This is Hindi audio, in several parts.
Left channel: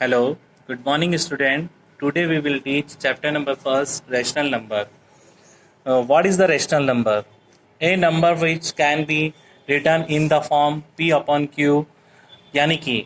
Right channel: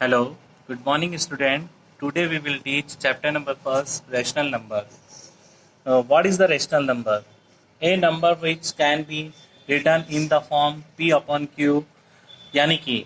Hello, good morning student. Today we will teach chapter number first, rational number. What is the rational number? A number which can be written in the form P upon Q, यानी कि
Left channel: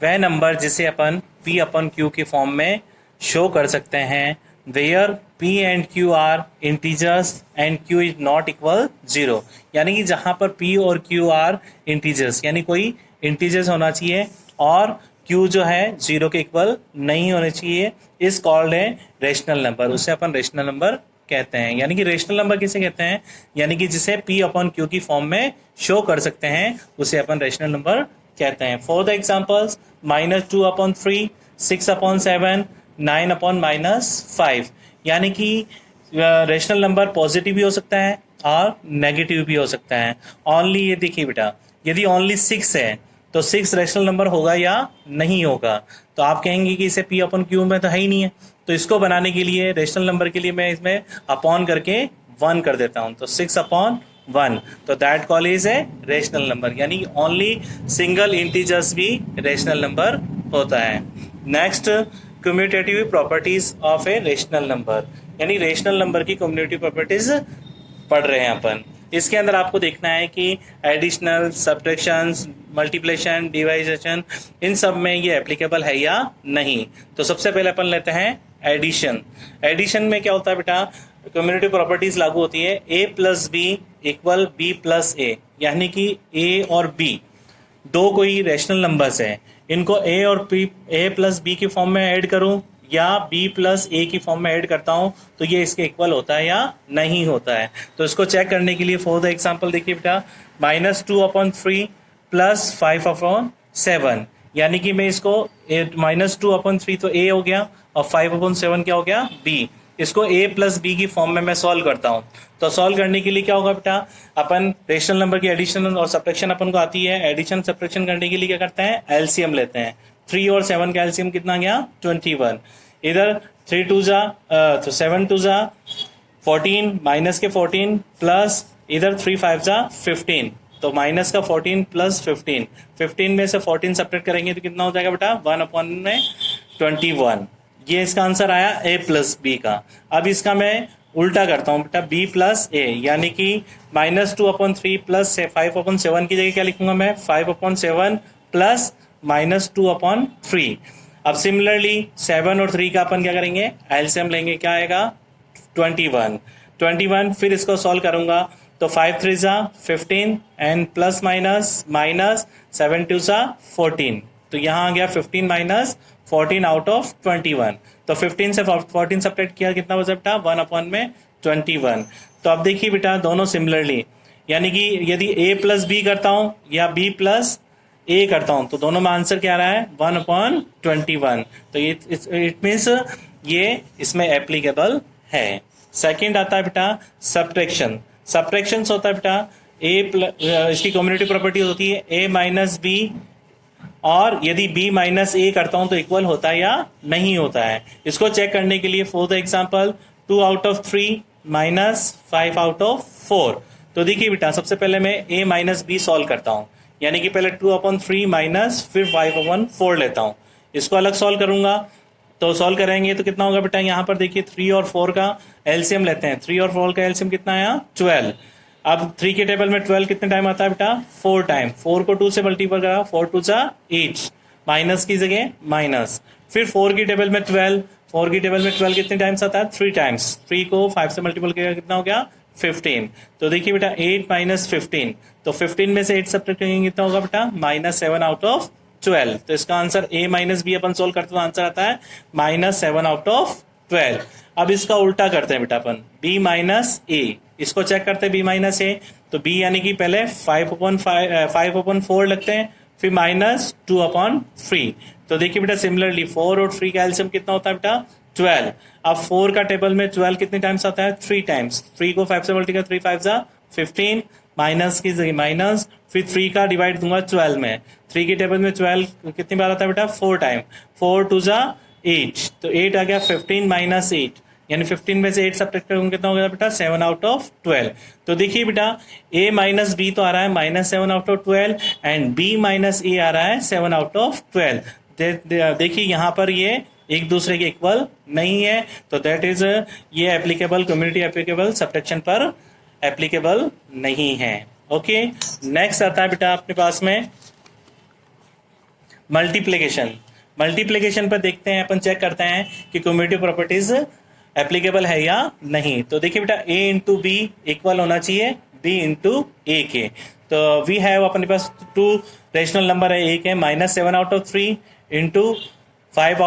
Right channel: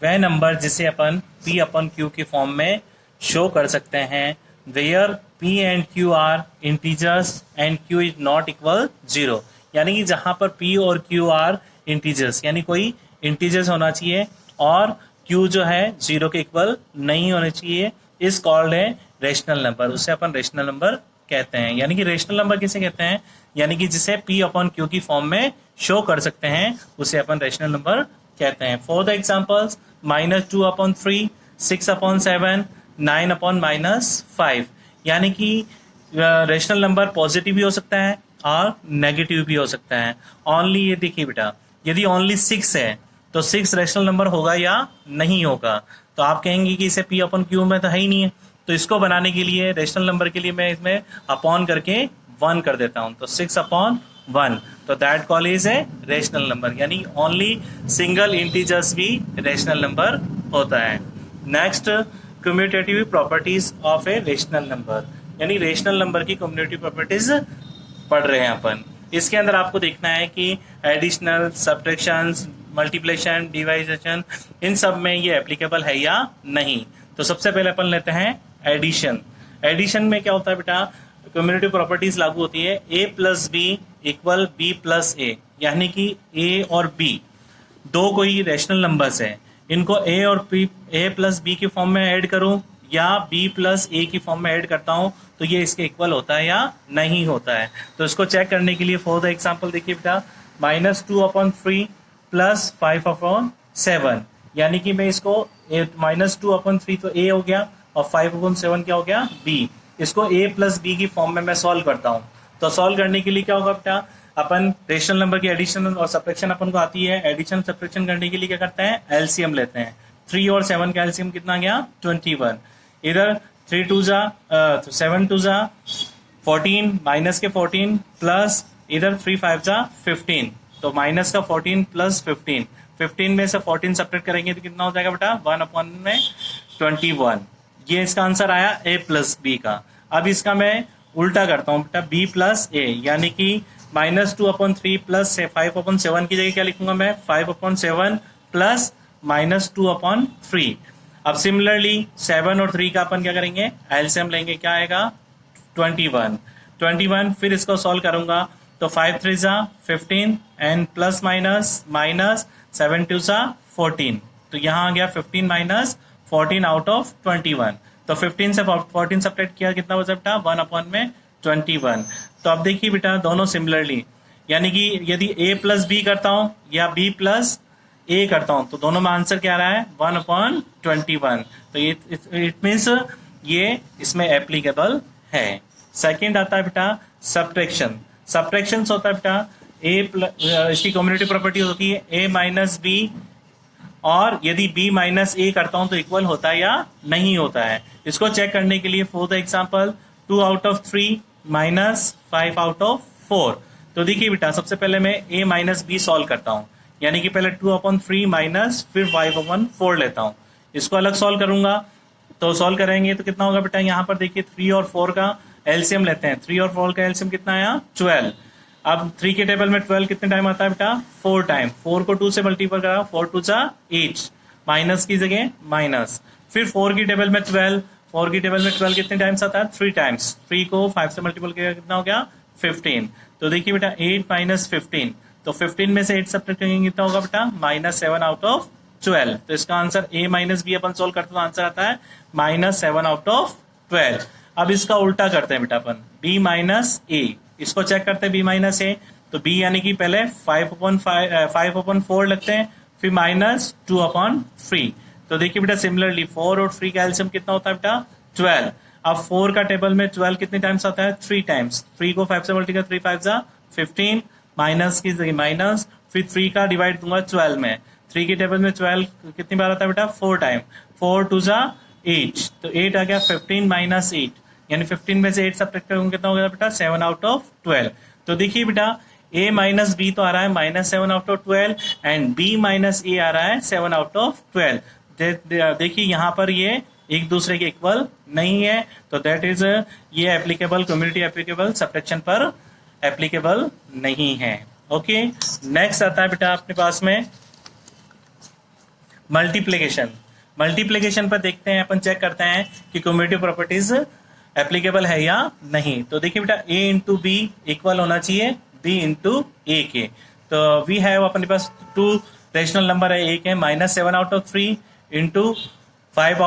वह नंबर जिसे अपन P upon Q की फॉर्म में शो कर सकते हैं where P and Q are integers and Q is not equal 0, यानी कि जहां पर P और Q आर इंटीजर्स यानी कोई इंटीजर्स होना चाहिए और Q जो है 0 के इक्वल नहीं होना चाहिए, इस कॉल्ड है रेशनल नंबर। उसे अपन रेशनल नंबर कहते हैं। यानी कि रेशनल नंबर किसे कहते हैं? यानी कि जिसे P अपॉन Q की फॉर्म में शो कर सकते हैं उसे अपन रेशनल नंबर कहते हैं। For the examples -2 upon 3, 6 upon 7, 9 upon -5, यानी कि रेशनल नंबर पॉजिटिव भी हो सकता है और नेगेटिव भी हो सकता है। ओनली ये देखिए बेटा, यदि ओनली 6 है तो 6 रेशनल नंबर होगा या नहीं होगा? तो आप कहेंगे कि इसे P अपॉन Q में तो है ही नहीं है, तो इसको बनाने के लिए रेशनल नंबर के लिए मैं इसमें अपॉन करके 1 कर देता हूं, तो 6 अपॉन 1, तो that call is a rational number. यानी ओनली सिंगल इंटीजर्स भी रेशनल नंबर होता है। Next, commutative properties of A rational number, यानी रेशनल नंबर की कम्यूटेटिव प्रॉपर्टीज पढ़ रहे हैं अपन। इसके अंदर आपको देखना है कि एडिशनल, सब्ट्रैक्शन, मल्टीप्लिकेशन, डिवाइजेशन, इन सब में ये एप्लीकेबल है या नहीं। तो सबसे पहले अपन लेते हैं एडिशन। एडिशन में क्या होता है बेटा? कम्यूटेटिव प्रॉपर्टीज लागू होती है a plus B equal B plus A, यानी कि a और b दो कोई रेशनल नंबर्स हैं, इनको a और a प्लस बी की फॉर्म में ऐड करूं या b प्लस ए की फॉर्म में ऐड करता हूं तो ये इसके इक्वल होता है या नहीं होता है। तो इसको चेक करने के लिए फॉर द एग्जांपल देखिए बेटा, -2 अपॉन 3 प्लस 5 अपॉन 7, यानी कि मैं इसको -2 अपॉन 3 तो a हो गया और 5 अपॉन 7 क्या हो गया? b। इसको a प्लस बी की फॉर्म में मैं सॉल्व करता हूं, तो सॉल्व करने के लिए क्या होगा बेटा? अपन रेशनल नंबर की एडिशन और सब्ट्रैक्शन अपन को आती है। एडिशन सब्ट्रैक्शन करने के लिए क्या करते हैं? एलसीएम लेते हैं। 3 और 7 का एलसीएम कितना गया? 21। इधर 3 2 जा तो 7 2 जा 14, माइनस के 14 प्लस इधर 3 5 जा 15, तो माइनस का 14 प्लस 15, 15 में से 14 सब्ट्रैक्ट करेंगे तो कितना हो जाएगा बेटा? 1 अपॉन में 21। ये इसका आंसर आया a प्लस बी का। अब इसका मैं उल्टा करता हूं बेटा, b प्लस ए, यानी कि -2 अपॉन 3 प्लस 5 अपॉन 7 की जगह क्या लिखूंगा मैं? 5 अपॉन 7 प्लस -2 अपॉन 3। अब सिमिलरली 7 और 3 का अपन क्या करेंगे? एलसीएम लेंगे, क्या आएगा? 21। फिर इसको सॉल्व करूंगा तो 5 3 जा 15 एंड प्लस माइनस 7 2 जा 14, तो यहाँ आ गया 15 माइनस 14 आउट ऑफ 21। तो 15 से 14 सब्ट्रैक्ट किया, कितना बचा बेटा? 1 अपॉन में 21। तो अब देखिए बेटा दोनों सिमिलरली, यानी कि यदि a प्लस बी करता हूं या b प्लस ए करता हूं तो दोनों में आंसर क्या आ रहा है? 1 अपॉन 21। तो इट मीन्स ये इसमें एप्लीकेबल है। सेकेंड आता है बेटा सब्ट्रैक्शन। सब्ट्रैक्शन होता है बेटा इसकी कम्यूटेटिव प्रॉपर्टी होती है a माइनस बी, और यदि b माइनस ए करता हूं तो इक्वल होता है या नहीं होता है। इसको चेक करने के लिए for the example 2 out of 3 minus 5 out of 4, तो देखिए बेटा सबसे पहले मैं a माइनस बी सॉल्व करता हूं, यानी कि पहले 2 अपॉन 3 माइनस फिर 5 अपॉन 4 लेता हूं, इसको अलग सॉल्व करूंगा। तो सॉल्व करेंगे तो कितना होगा बेटा? यहाँ पर देखिए 3 और 4 का एलसीएम लेते हैं। 3 और 4 का एलसीएम कितना आया? 12। अब 3 के टेबल में 12 कितने टाइम आता है बेटा? 4 टाइम। 4 को 2 से मल्टीपल करा, 4 2 जा 8, माइनस की जगह माइनस। फिर 4 की टेबल में 12, 4 की टेबल में 12 कितने टाइम्स आता है? 3 टाइम्स। 3 को 5 से मल्टीपल किया, कितना हो गया? 15। तो देखिए बेटा 8 माइनस 15, तो 15 में से 8 सब्ट्रैक्ट करेंगे, कितना होगा बेटा? -7 आउट ऑफ 12। तो इसका आंसर a माइनस बी अपन सोल्व करते तो आंसर आता है -7 आउट ऑफ 12। अब इसका उल्टा करते हैं बेटा अपन, b माइनस ए, इसको चेक करते हैं b माइनस ए, तो b यानी कि पहले 5 अपॉन 4 लगते हैं, फिर -2 अपॉन 3। तो देखिए बेटा सिमिलरली 4 और 3 का एलसीएम कितना होता है बेटा? 12। अब 4 का टेबल में 12 कितने टाइम्स आता है? 3 टाइम्स। 3 को 5 से मल्टीप्लाई, 3 5 जा 15, माइनस की जगह माइनस, फिर 3 का डिवाइड दूंगा 12 में। 3 की टेबल में 12 कितनी बार आता है बेटा? 4 टाइम। 4 2 जा 8, तो 8 आ गया 15 माइनस 8, यानी 15 में से 8 सब्ट्रैक्ट करूंगा, कितना हो गया बेटा? 7 आउट ऑफ 12। तो देखिए बेटा a माइनस बी तो आ रहा है -7 out of 12 and b minus A आ रहा है 7 आउट ऑफ 12। देखिए यहाँ पर ये एक दूसरे के इक्वल नहीं है, तो दैट इज ये एप्लीकेबल, कम्युनिटी एप्लीकेबल, सब्ट्रैक्शन पर एप्लीकेबल नहीं है। ओके, नेक्स्ट आता है बेटा आपके पास में मल्टीप्लिकेशन। मल्टीप्लिकेशन पर देखते हैं, अपन चेक करते हैं कि कम्युनिटी प्रॉपर्टीज एप्लीकेबल है या नहीं। तो देखिए बेटा a इंटू बी इक्वल होना चाहिए b इंटू ए के। तो वी हैव अपने पास टू रेशनल नंबर है, एक है -7/3 इंटू 6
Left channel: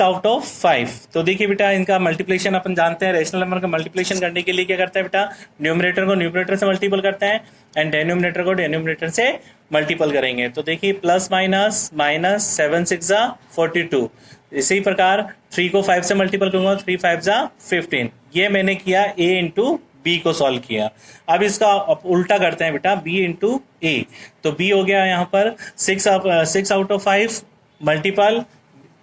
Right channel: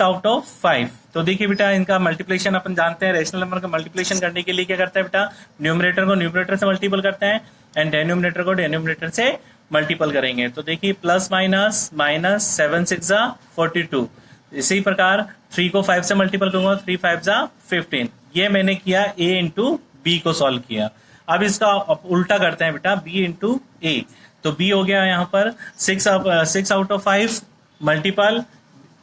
आउट ऑफ 5। तो देखिए बेटा इनका मल्टीप्लिकेशन अपन जानते हैं, रेशनल नंबर का मल्टीप्लिकेशन करने के लिए क्या करता है बेटा, न्यूमरेटर को न्यूमरेटर से मल्टीपल करते हैं एंड डेनोमिनेटर को डेनोमिनेटर से मल्टीपल करेंगे। तो देखिए प्लस माइनस माइनस 7 6 42। इसी प्रकार 3 को 5 से मल्टीपल करूंगा, 3 5 15। ये मैंने किया a इंटू बी को सॉल्व किया। अब इसका उल्टा करते हैं बेटा b इंटू ए। तो b हो गया यहाँ पर 6 आउट ऑफ 5 मल्टीपल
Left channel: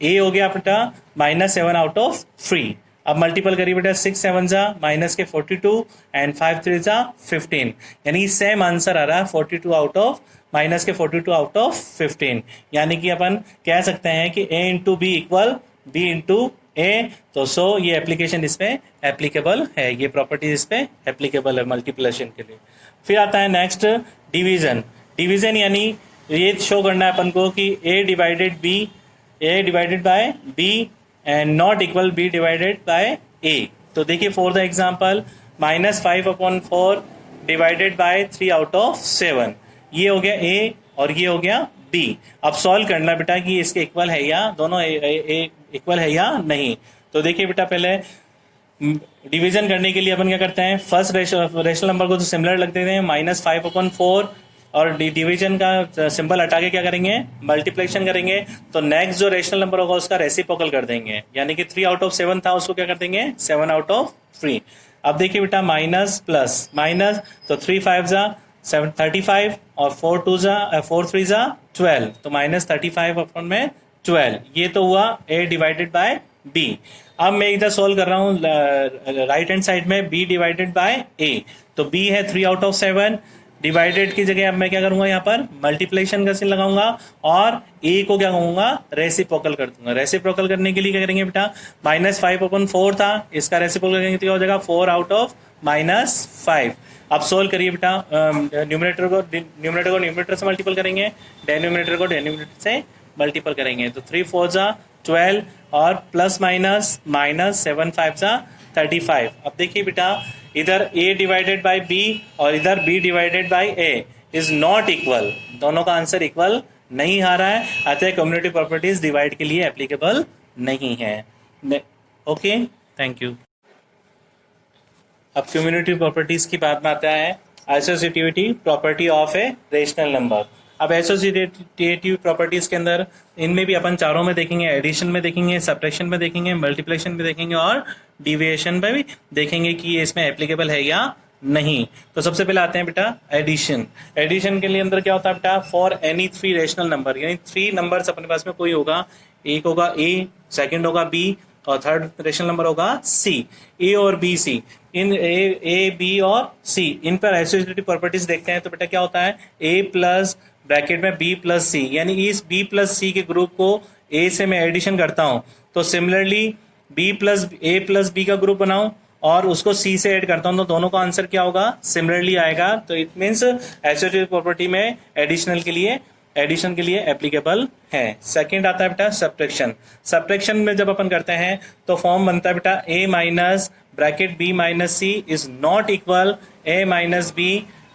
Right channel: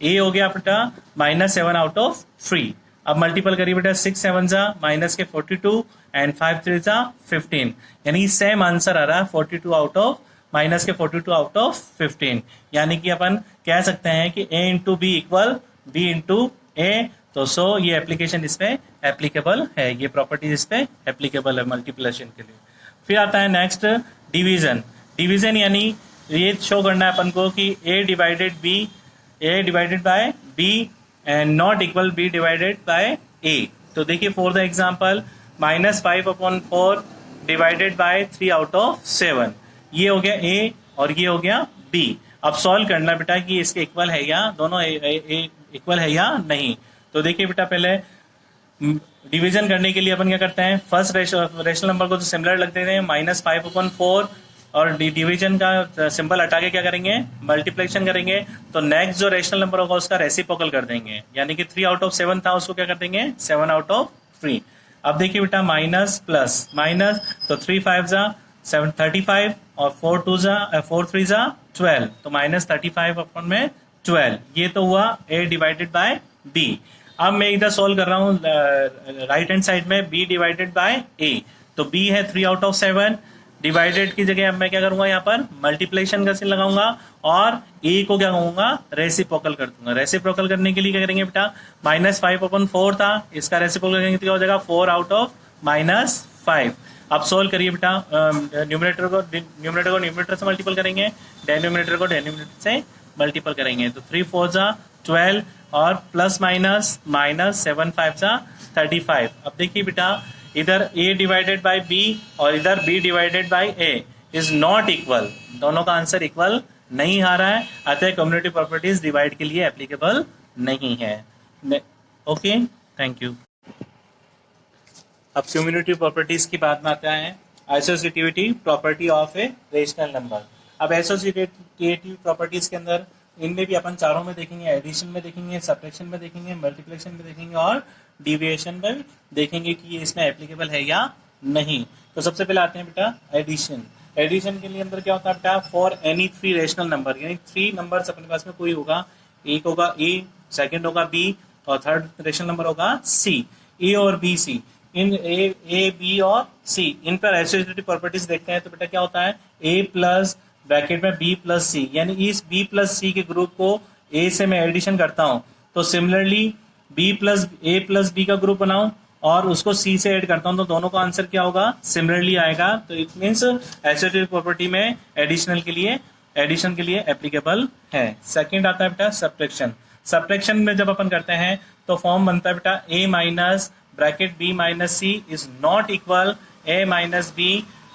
a हो गया बेटा -7 आउट ऑफ 3। अब मल्टीपल करिए बेटा 6 7 माइनस के 42 एंड 5 3 15, यानी सेम आंसर आ रहा है 42 आउट ऑफ माइनस के 42 आउट ऑफ 15। यानी कि अपन कह सकते हैं कि a into B equal b into A. तो सो ये एप्लीकेशन इसमें एप्लीकेबल है, ये प्रॉपर्टी इस पे एप्लीकेबल है मल्टीप्लिकेशन के लिए। फिर आता है नेक्स्ट डिवीजन। डिवीजन यानी ये शो करना है अपन को कि a divided by b and not equal b divided by a। तो देखिए for the example -5/4 divided by 3 out of 7, ये हो गया a और ये हो गया b। अब सॉल्व करना बेटा कि इसके इक्वल है या दोनों इक्वल है या नहीं। तो देखिए बेटा पहले डिवीजन करने के लिए अपन क्या करते हैं, फर्स्ट रेशनल नंबर को तो सिमिलर लग देते हैं -5/4 और डिवीजन का सिंबल हटा के क्या करेंगे, मल्टीप्लिकेशन करेंगे। तो नेक्स्ट जो रेशनल नंबर होगा उसका रेसिप्रोकल कर देंगे, यानी कि 3 आउट ऑफ 7 था उसको क्या कर देंगे 7 आउट ऑफ 3। अब देखिए बेटा माइनस प्लस माइनस, तो 3 5 35 और 4 3 12, तो -35 अपन में 12। ये तो हुआ a डिवाइडेड बाय b। अब मैं इधर सॉल्व कर रहा हूँ राइट हैंड साइड में b डिवाइडेड बाय a। तो b है 3 आउट ऑफ 7, डिवाइडेड की जगह अब मैं क्या करूंगा यहाँ पर मल्टीप्लिकेशन का चिन्ह लगाऊंगा और a को क्या कहूंगा रेसिप्रोकल कर दूंगा। रेसिप्रोकल करने के लिए क्या करेंगे बेटा -5/4 था, इसका रेसिप्रोकल करेंगे तो क्या हो जाएगा 4 आउट ऑफ -5। अब सोल्व करिए बेटा, न्यूमरेटर को न्यूमरेटर से मल्टीपल करेंगे, डेनोमिनेटर को डेनोमिनेटर से मल्टीपल करेंगे। तो 3 4 12 और प्लस माइनस -7 5 35। अब देखिए बेटा इधर a डिवाइडेड बाय b और इधर b divided by a is not equal, दोनों का आंसर इक्वल नहीं आ रहा है, अतः कम्युनिटी प्रॉपर्टीज डिवाइड के लिए एप्लीकेबल नहीं है। Okay, thank you. अब कम्युनिटी प्रॉपर्टीज की बात में आता है associativity property of A rational number. अब एसोसिएटिव प्रॉपर्टीज के अंदर इनमें भी अपन चारों में देखेंगे, एडिशन में देखेंगे, सब्ट्रैक्शन में देखेंगे, मल्टीप्लिकेशन में देखेंगे और डिविएशन में भी देखेंगे कि ये इसमें एप्लीकेबल है या नहीं। तो सबसे पहले आते हैं बेटा एडिशन। एडिशन के लिए अंदर क्या होता है बेटा, फॉर एनी 3 रेशनल नंबर, यानी 3 नंबर्स अपने पास में कोई होगा, एक होगा a, सेकंड होगा b और थर्ड रेशनल नंबर होगा c। a और b c, in a b और c, इन पर एसोसिएटिव प्रॉपर्टीज देखते हैं। तो बेटा क्या होता है a प्लस ब्रैकेट में b प्लस c, यानी इस b प्लस c के ग्रुप को a से मैं एडिशन करता हूं तो similarly b plus a plus b का ग्रुप बनाऊं और उसको c से ऐड करता हूं तो दोनों का आंसर क्या होगा सिमिलरली आएगा। तो इट मीन्स एसोसिएटिव प्रॉपर्टी में एडिशन के लिए एप्लीकेबल है। सेकंड आता है बेटा सब्ट्रैक्शन। सब्ट्रैक्शन में जब अपन करते हैं तो फॉर्म बनता है बेटा a minus bracket b minus c is not equal a minus b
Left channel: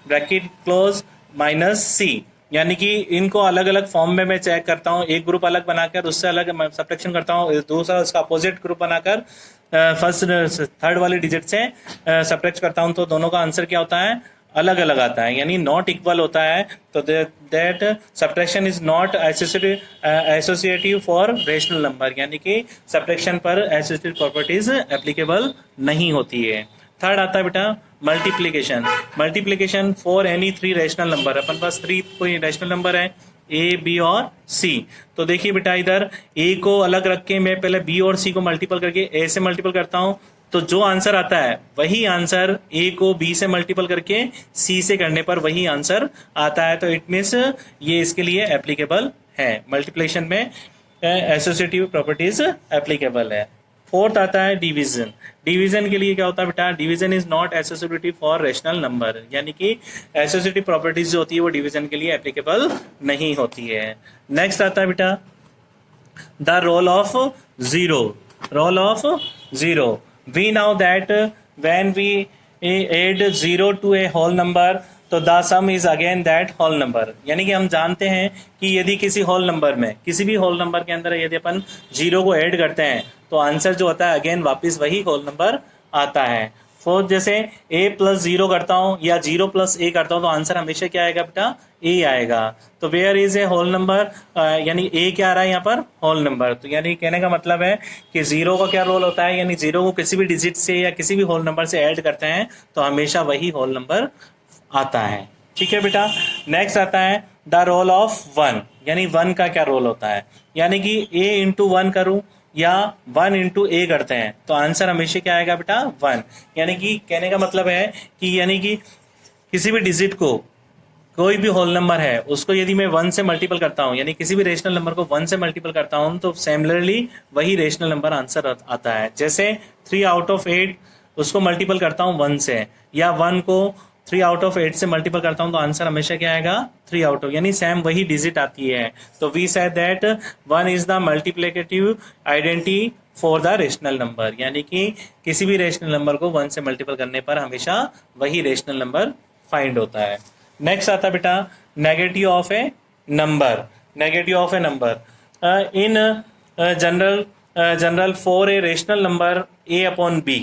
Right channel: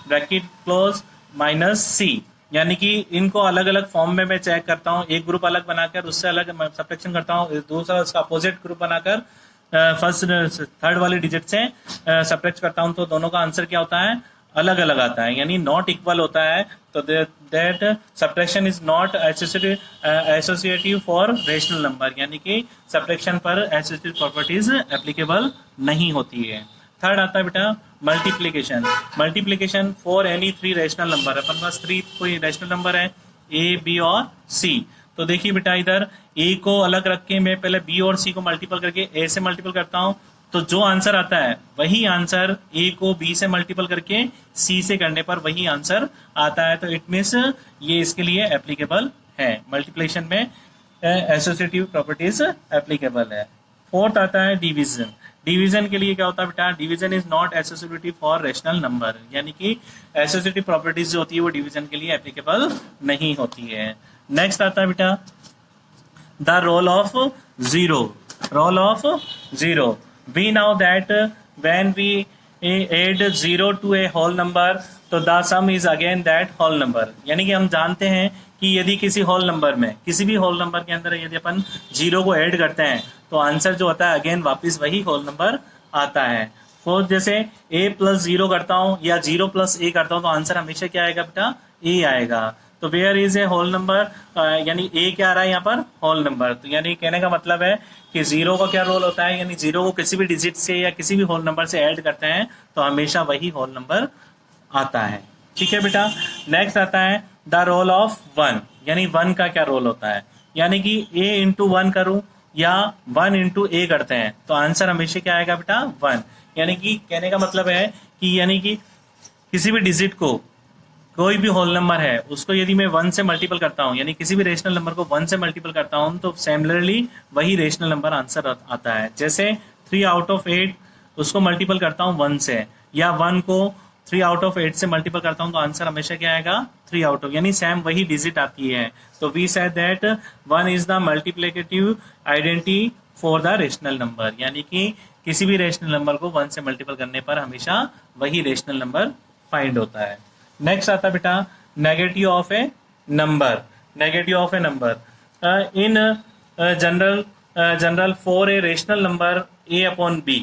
bracket close minus c, यानी कि इनको अलग अलग फॉर्म में मैं चेक करता हूँ, एक ग्रुप अलग बनाकर उससे अलग सब्ट्रैक्शन करता हूँ, दूसरा उसका अपोजिट ग्रुप बनाकर फर्स्ट थर्ड वाली डिजिट से सब्ट्रैक्ट करता हूँ, तो दोनों का आंसर क्या होता है अलग अलग आता है, यानी नॉट इक्वल होता है। तो that subtraction is not associative for rational number, यानी कि सब्ट्रैक्शन पर एसोसिएटिव प्रॉपर्टीज एप्लीकेबल नहीं होती है। थर्ड आता है बेटा multiplication. Multiplication for any 3 rational number, अपन पास 3 कोई रेशनल नंबर है a b और c। तो देखिए बेटा इधर a को अलग रख के मैं पहले b और c को मल्टीपल करके a से मल्टीपल करता हूं, तो जो आंसर आता है वही आंसर a को b से मल्टीपल करके c से करने पर वही आंसर आता है। तो इट मीन्स ये इसके लिए एप्लीकेबल है, मल्टीप्लिकेशन में एसोसिएटिव प्रॉपर्टीज एप्लीकेबल है। फोर्थ आता है डिवीजन। डिवीजन के लिए क्या होता है बेटा, division is not associative for rational number, यानी कि एसोसिएटिव प्रॉपर्टीज जो होती है वो डिवीजन के लिए एप्लीकेबल नहीं होती है। नेक्स्ट आता है बेटा the role of zero. Role of zero, we now that when we add zero to a whole number तो the sum is again that whole number, यानी कि हम जानते हैं कि यदि किसी होल नंबर में, किसी भी होल नंबर के अंदर यदि अपन जीरो को ऐड करते हैं तो आंसर जो होता है अगेन वापस वही होल नंबर आता है। फोर्थ, जैसे a प्लस जीरो करता हूं या जीरो प्लस a करता हूं तो आंसर हमेशा क्या आएगा बेटा, a आएगा। तो where is a whole number, यानी a क्या आ रहा है यहाँ पर, होल नंबर। तो यानी कहने का मतलब है कि जीरो का क्या रोल होता है, यानी जीरो को किसी भी डिजिट से या किसी भी होल नंबर से ऐड करते हैं तो हमेशा वही होल नंबर आता है। ठीक है बेटा। नेक्स्ट आता है द रोल ऑफ वन, यानी वन का क्या रोल होता है, यानी कि a इंटू वन करूं या 1 इंटू ए करते हैं तो आंसर हमेशा क्या आएगा बेटा, 1। यानी कि कहने का मतलब है कि यानी कि किसी भी डिजिट को, कोई भी होल नंबर है उसको यदि मैं 1 से मल्टीपल करता हूं, यानी किसी भी रेशनल नंबर को 1 से मल्टीपल करता हूं तो सिमिलरली वही रेशनल नंबर आंसर आता है। जैसे 3 आउट ऑफ 8 उसको मल्टीपल करता हूं 1 से, या 1 को 3 आउट ऑफ 8 से मल्टीपल करता हूं तो आंसर हमेशा क्या आएगा, 3 आउट ऑफ, यानी सेम वही डिजिट आती है। तो we said that 1 is the multiplicative identity for the rational number, यानी कि किसी भी रेशनल नंबर को 1 से मल्टीपल करने पर हमेशा वही रेशनल नंबर फाइंड होता है। नेक्स्ट आता बेटा negative of a number. Negative of a number in general for a rational number a upon b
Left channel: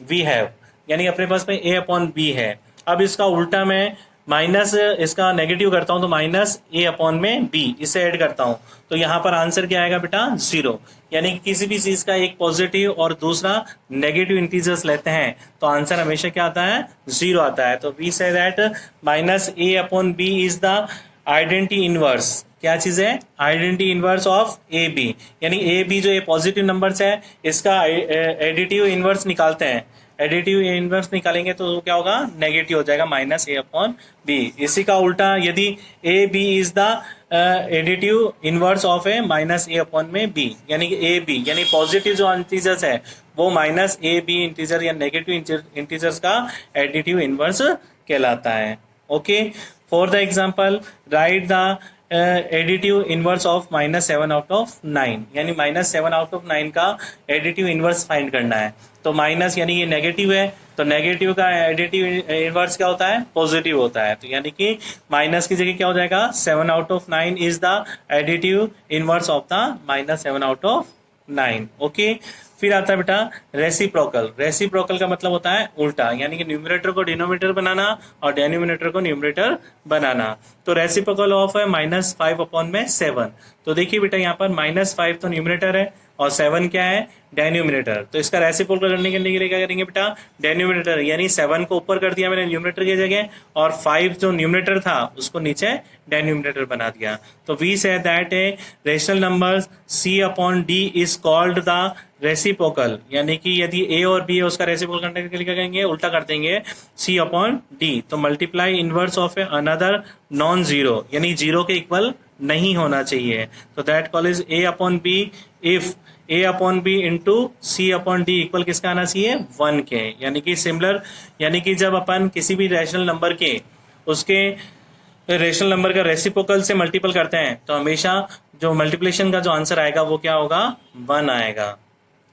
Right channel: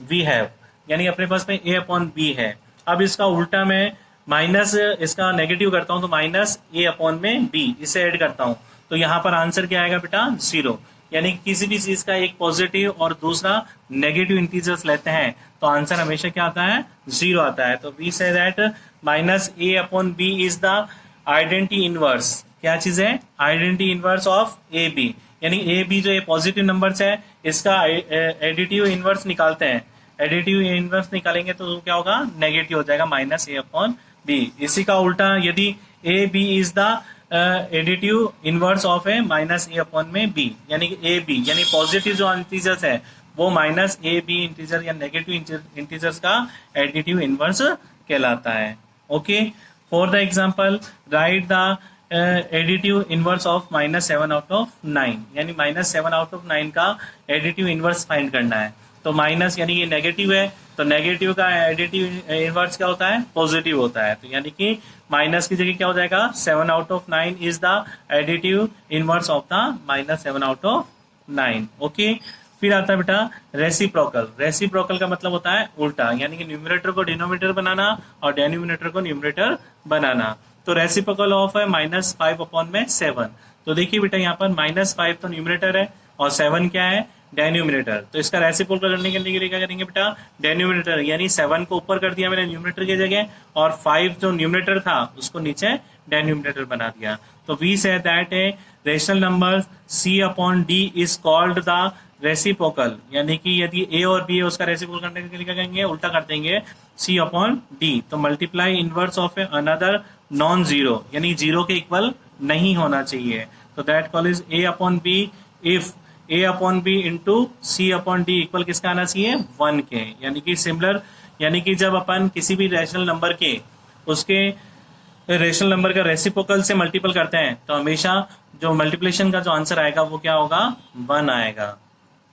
we have, यानी अपने पास में a अपॉन b है। अब इसका उल्टा मैं माइनस इसका नेगेटिव करता हूं तो माइनस a अपॉन में b, इसे ऐड करता हूं तो यहां पर आंसर क्या आएगा बेटा, 0। यानी किसी भी चीज का एक पॉजिटिव और दूसरा नेगेटिव इंटीजर्स लेते हैं तो आंसर हमेशा क्या आता है, 0 आता है। तो we say that minus a upon b is the identity inverse. क्या चीज है, identity inverse of A B, यानी ए बी जो ये पॉजिटिव नंबर्स है इसका एडिटिव इनवर्स निकालते हैं। एडिटिव इनवर्स निकालेंगे तो क्या होगा, नेगेटिव हो जाएगा, माइनस ए अपॉन बी। इसी का उल्टा यदि A B is the additive inverse of A minus A upon में बी, यानी कि ए बी यानी पॉजिटिव जो इंटीजर्स है वो माइनस ए बी इंटीजर या नेगेटिव इंटीजर्स का एडिटिव इनवर्स कहलाता है। Okay, for the example write the additive inverse of -7 out of 9, यानी -7 आउट ऑफ 9 का एडिटिव इनवर्स फाइंड करना है। तो माइनस यानी ये नेगेटिव है तो नेगेटिव का एडिटिव इनवर्स क्या होता है, पॉजिटिव होता है। तो यानी कि माइनस की जगह क्या हो जाएगा, 7 out of 9 is the additive inverse of the -7 out of 9। Okay, फिर आता है बेटा रेसिप्रोकल। रेसिप्रोकल का मतलब होता है उल्टा, यानी कि न्यूमरेटर को डिनोमिनेटर बनाना और डेनोमिनेटर को न्यूमरेटर बनाना। तो रेसिप्रोकल ऑफ है -5 अपॉन में 7। तो देखिए बेटा यहाँ पर -5 तो न्यूमरेटर है और 7 क्या है, डेनोमिनेटर। तो इसका रेसिप्रोकल करने के लिए क्या करेंगे बेटा, डेनोमिनेटर यानी 7 को ऊपर कर दिया मैंने न्यूमरेटर की जगह और 5 जो न्यूमरेटर था उसको नीचे डेनोमिनेटर बना दिया। तो we say that a rational number c upon d is called the reciprocal, यानी कि यदि a और b है उसका रेसिप्रोकल करने के लिए क्या करेंगे, उल्टा कर देंगे c अपॉन d। तो multiply inverse of a another non zero, यानी जीरो के इक्वल नहीं होना चाहिए। तो that call is a upon b if a upon B into C upon D equal किसका आना चाहिए, 1 के। यानी कि सिमिलर, यानी कि जब अपन किसी भी रैशनल नंबर के उसके रेशनल नंबर का रेसिप्रोकल से मल्टीपल करते हैं तो हमेशा जो मल्टीप्लिकेशन का जो आंसर आएगा वो क्या होगा, 1 आएगा।